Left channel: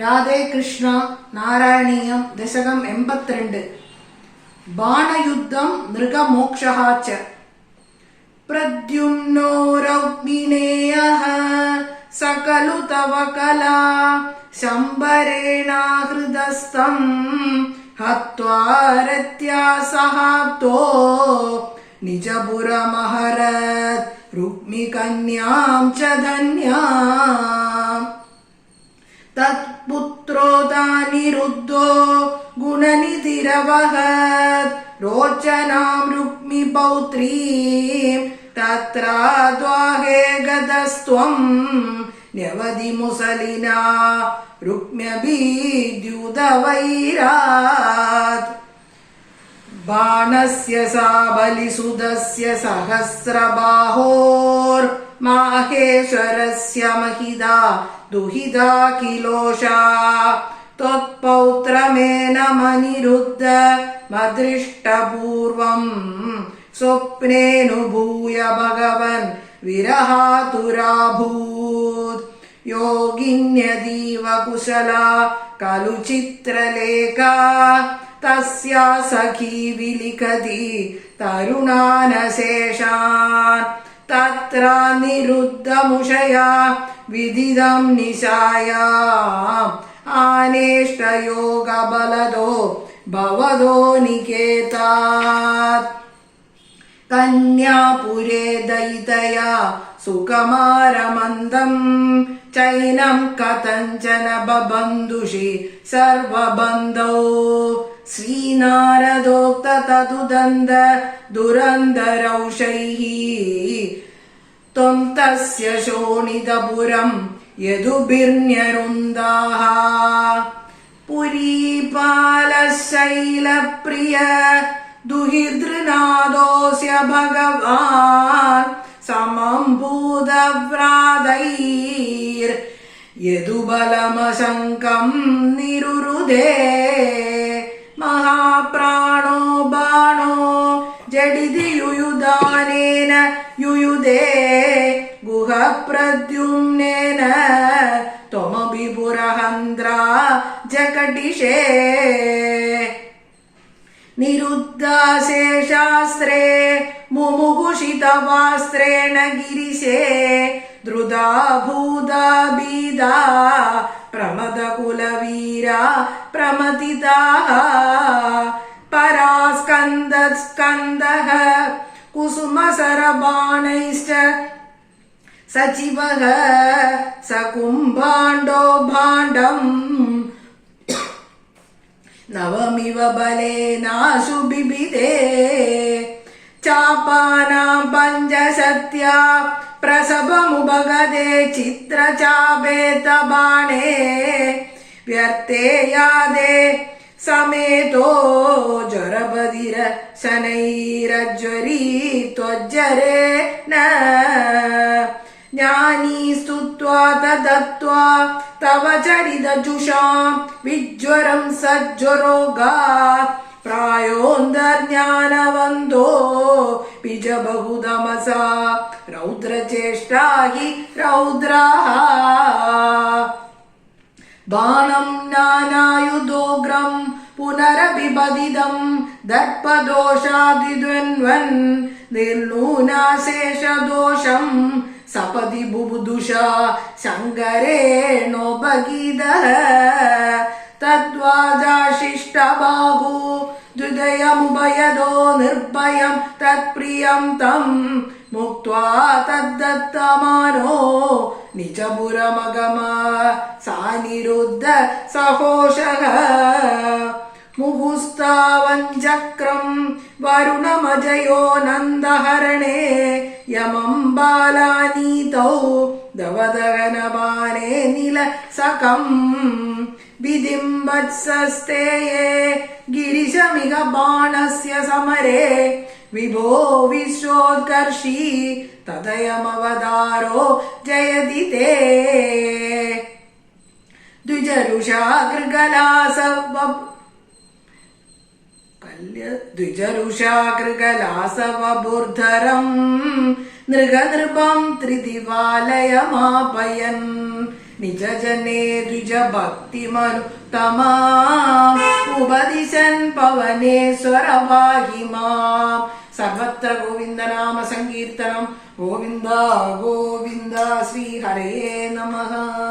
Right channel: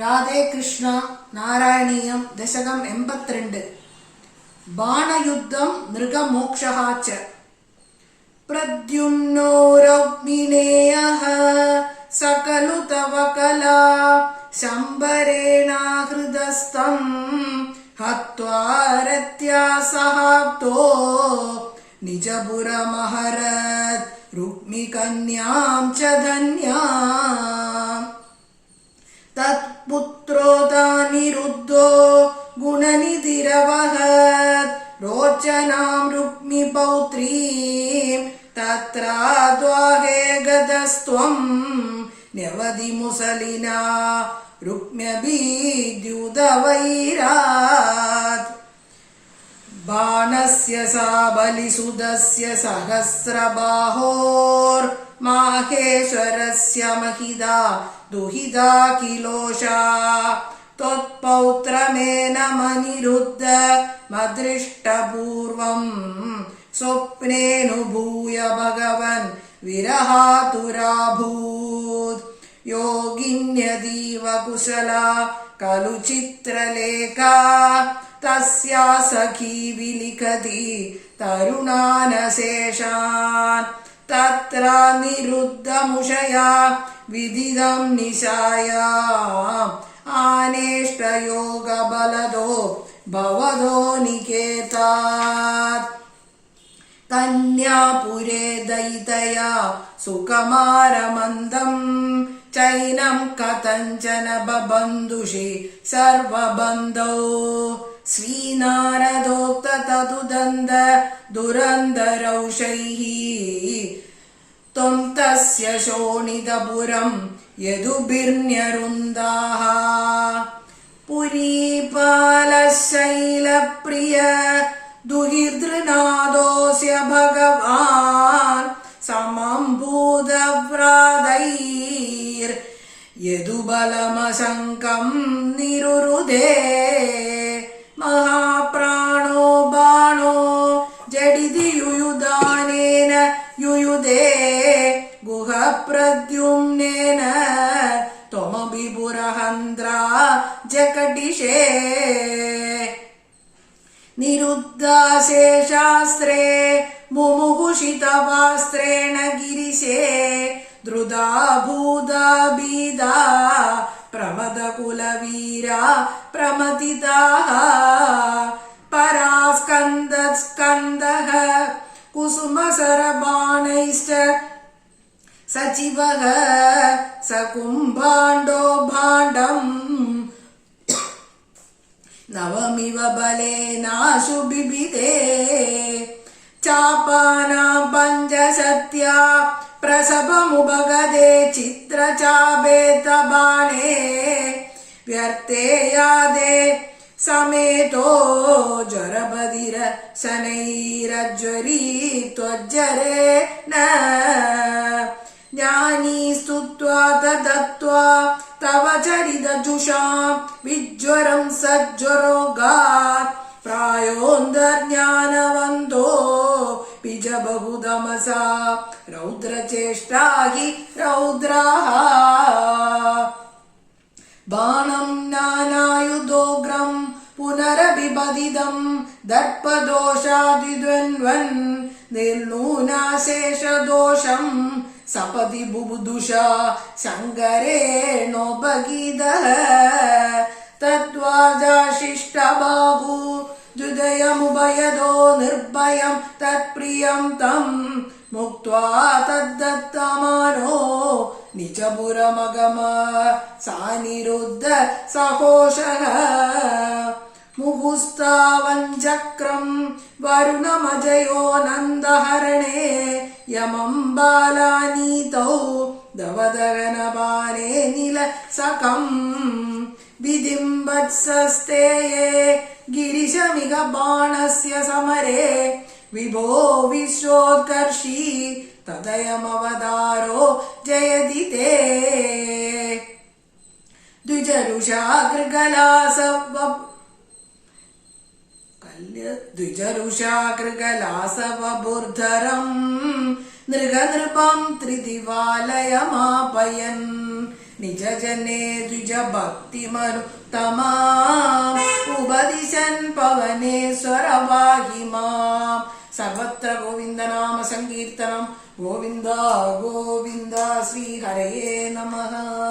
രാധേ കൃഷ്ണ. നാരായണീയം ദശകം 82. ബാണയുദ്ധം നൃഗമോക്ഷഃ ച. പ്രദ്യുമ്നോ രൗക്മിണേയഃ സകലു തവ കലാ ശംബരേണാഹൃതസ്ഥം ഹത്വാ രത്യാ സഹാബ്ദോ നിജപുരമഹരത് രുക്മികന്യാം ച ധന്യാം. തത്പുത്രോദാനിരുദ്ധോ ഗുണനിധിരവഹത് രോചനാം രുക്മിപൗത്രീം തത്രാദ്വാഹേ ഗതസ്ത്വം ന്യവതിമുസലിനാ രുക്മ്യഭീദ്യുതവൈരാത്. ബാണസ്യ സാ ബലിസുതസ്യ സഹസ്രബാഹോർ മാഹേശ്വരസ്യ മഹിതാ ദുഹിതാ കിലോഷാ ത്വത്പൗത്രമേനമനിരുദ്ധ മദൃഷ്ടപൂർവം സ്വപ്നേനുഭൂയ ഭഗവൻ വിരഹാതുരാഭൂത്. യോഗിന്യതീവ കുശലാ ഖലു ചിത്രലേഖാ തസ്യാ സഖീ വിലിഖതി തരുണാനശേഷാൻ. തത്ര നിരുദ്ധമുഷയാ വിദിതം നിശായാം ആനേഷ്ടയോഗബലദോ ഭവദോ നികേതാത്. കന്യാപുരേ ദയിതയാ സുകുമാരമന്ദം ചൈനം കഥഞ്ചന ബബന്ധുഷി സർവബന്ധോ. ശ്രീനാരദോക്ത തതുദന്ത ദുരന്തരൗഷൈഃ ത്വം തസ്യ ശോണിതപുരം യദുഭിർന്യരുന്ദാഃ. പുരീപാലശൈലപ്രിയ ദുഹിതൃനാദോസ്യ ഭഗവാൻ സമം ഭൂതവ്രാതൈർ യദുബലമശങ്കം നിരുരുധേ. മഹാപ്രാണോ ബാണോ ജഡിതി യുയുധാനേന യുയുധേ ഗുഹപ്രദ്യുമ്നേന ത്വമപി പുരഹന്ത്രാ ജകടിഷേ. നിരുദ്ധാശേഷാസ്ത്രേ മുമുഹുഷിതവാസ്ത്രേണ ഗിരിശേ ധൃതാ ഭൂതാ ഭീതാ പ്രമദകുലവീരാ പ്രമതിതാഃ. പരാസ്കന്ദഃ കുസുമസരബാണൈശ്ച സചിവഃ സകുംഭാണ്ഡോ ഭാണ്ഡം നവമിവ ബലേനാശു ബിബിധേ. ചാപാനാം പഞ്ചശത്യാ പ്രസഭമുപഗതേ ചിത്രചാപേതബാണേ വ്യർത്ഥേ യാദേ സമേതോ ജ്വരബധിര ശനൈരജ്വരീ ത്വജ്ജരേണ. ജ്ഞാനീ സ്തുത്വാ തദത്വാ തവ ചരിതജുഷാം വിജ്വരം സജ്വരോഗാത് പ്രായോന്തർജ്ഞാനവന്തോ ബിജബഹുതമസാ രൗദ്രചേഷ്ടാ ഹി രൗദ്രാഃ. ബാണം നാനായുധോഗ്രം പുനരഭിപതിതം ദർപ്പദോഷാദിദ്വന്ദ്വൻ നിർനൂനാശേഷദോഷം സപതി ബുബുദുഷാ ശങ്കരേണോപഗീതഃ. തദ്വാജാശിഷ്ടബാഹു ദ്വിദയമുഭയദോ നിർഭയം തത്പ്രിയം തം മുക്ത്വാ തദ്ദത്തമാനോ നിജപുരമഗമ സാനിരുദ്ധ സഹോഷഃ. മുഹുസ്താവഞ്ചക്രം വരുണമജയോ നന്ദഹരണേ യമം ബാലാനീതൗ ദവദഹനബാണേ നിലസകം. വിധിം വത്സസ്തേയേ ഗിരിശമിക ബാണസ്യ സമരേ വിഭോ വിശ്വോത്കർഷീ തദയമവതാരോ ജയതി തേ. ദ്വിജരുഷാകൃകലാസവബുർധരം നൃഗനൃപം ത്രിദിവാലയമാപയൻ നിജജനേ ദ്വിജഭക്തിമനുത്തമാം ഉപദിശൻ പവനേശ്വരവാഹിമാം. സർവത്ര ഗോവിന്ദനാമ സങ്കീർത്തനം. ഗോവിന്ദ ഗോവിന്ദ. ശ്രീഹരയേ നമഃ.